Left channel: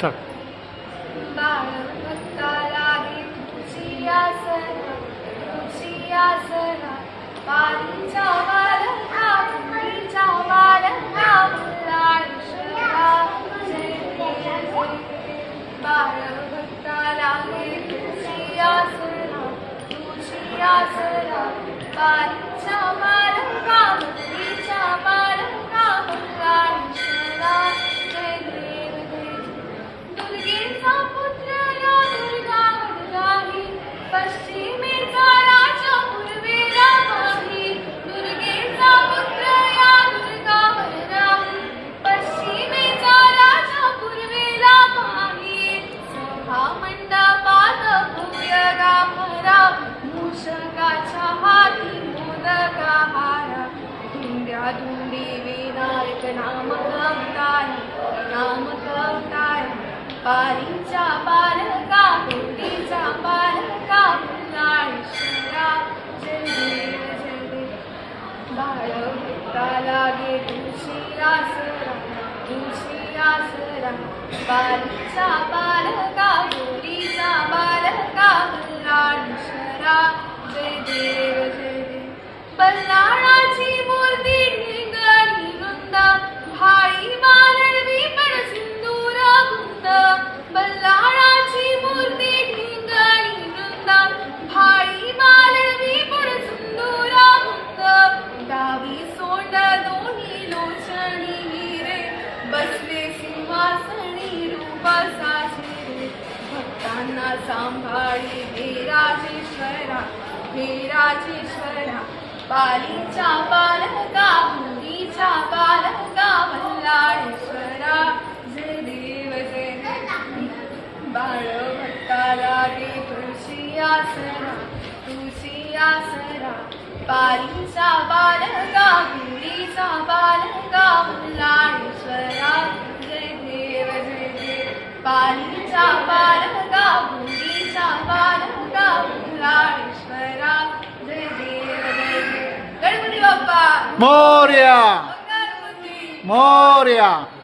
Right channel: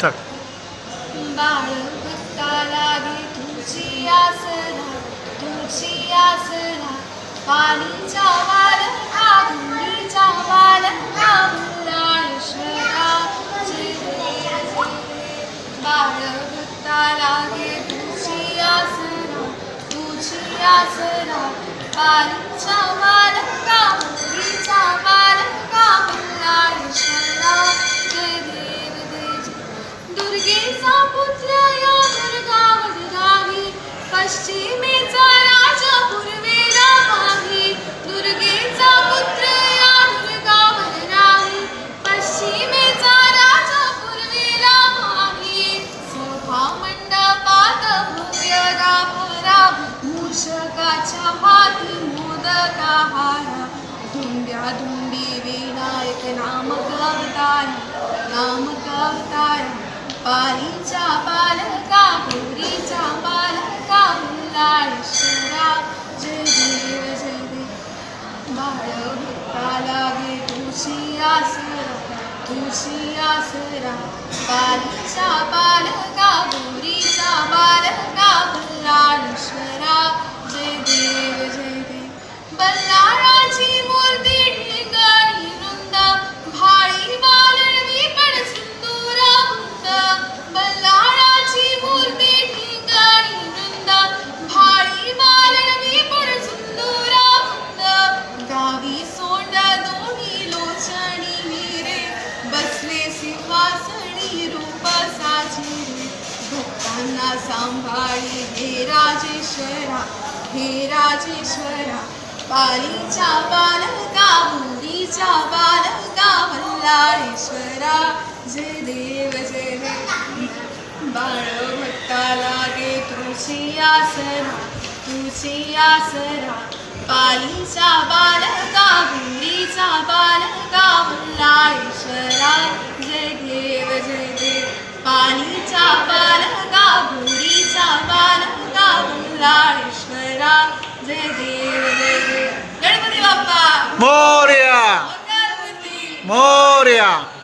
चल. बाळ भक्ता लागे तुझी आसरा, तुझी आसरा. पाणीच्या वालका भुईच्या वालका मल्लाळेश्वरा जय देव जय. बाळ भक्ता लागे तुझी आसरा, तुझी आसरा. पाणीच्या वालका भुईच्या वालका मल्लाळेश्वरा जय देव जय जय. दुर्गेचा पुत्र या दुर्गावर राही, पश्चिमेचा राजा पूर्वेला पाही. दुर्गेचा पुत्र या दुर्गावर राही, पश्चिमेचा राजा पूर्वेला पाही. सभा मंडपात भव्य गाभारा, मूषकाच्या हाती मोदका हारा. धुंद्या धुंदी विनायक नामक अवतारा, नामक अवतारा. पालीचा पालका गौरीचा पालका मल्लाळेश्वरा जय देव जय देव. बाळ भक्ता लागे तुझी आसरा, तुझी आसरा. पालीचा पालका गौरीचा पालका मल्लाळेश्वरा जय देव जय देव. बल्लाळाची मूर्ती ढिंगणी वृंद, भाळी वालळवी पण सिंदूर गुंद. बल्लाळाची मूर्ती ढिंगणी वृंद, भाळी वालळवी पण सिंदूर गुंद. डावी सोंड दोन्ही लोचणी हिरे, बसले सिंहासनी रूप साजे. भक्तांना सांभाळी हे राजेश्वरा, हे राजेश्वरा. पालीचा पालका मुलीचा पालका मल्लाळेश्वरा जय देव जय देव. बाळ भक्ता लागे तुझी आसरा, तुझी आसरा. पालीचा पालका मुलीचा पालका मल्लाळेश्वरा जय देव जय देव. पालीचा पालका मुलीचा पालका मल्लाळेश्वरा जय देव जय देव. गणपती बाप्पा मोरया. मंगलमूर्ती मोरया.